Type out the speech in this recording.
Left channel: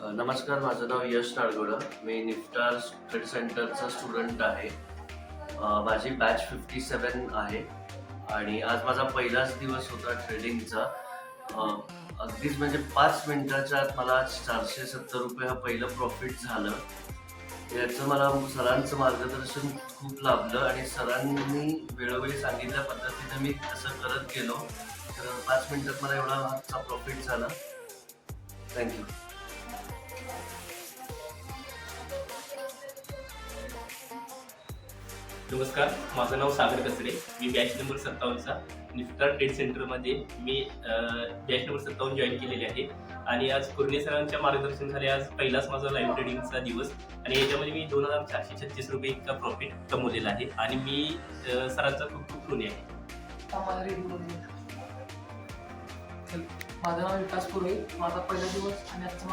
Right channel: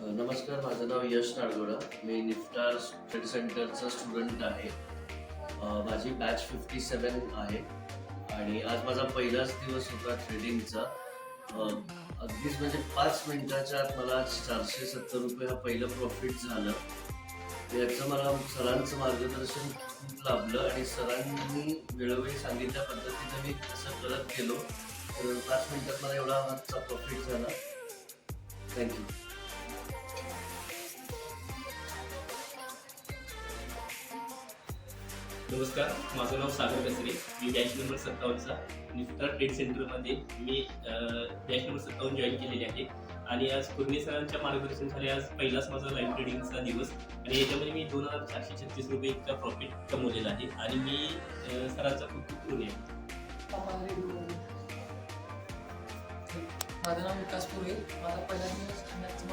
नमस्कार माझं नाव यश नाडगोडा मी निफ्टार ट्रेड सेंटरचा स्टुडंट आहे. माझी बॅच फिफ्टी सेवन आहे. आणि आज माझा पहिलाच दिवस होता ट्रेडिंगचा अगदीच म्हणजे पाच मिनिटाच्या आत मला चारशे सत्तर रुपये हा पहिलं प्रॉफिट झालं. याचं मला सरांचं मार्गदर्शन खूप लाभलं आणि सरांनी वेळोवेळी सांगितल्या पद्धतीने मी तसं करत गेलो. तर पाच मिनिटात मला एवढा हातचा प्रॉफिट झाला. थँक्यू नमस्कार माझं नाव सागर कसरे मी बॅच नंबर सत्तावन्नचा निफ्टार ट्रेड सेंटरमध्ये मी बॅच नंबर सत्तावन्न जॉईन केलेले आहे. आणि आज कुर्णे सरांच्या मार्गदर्शन झाले. आज पहिलाच माझा लाईव्ह ट्रेडिंगचा दिवस. आणि याच्यामध्ये मी दोन हजार चारशे छत्तीस रुपये इतका प्रॉफिट कमवलेला आहे. आणि मी सरांचा खूप खूप ऋणी आहे. माझं नाव विकास पुरोहित माझा पहिला दिवस आणि आजचा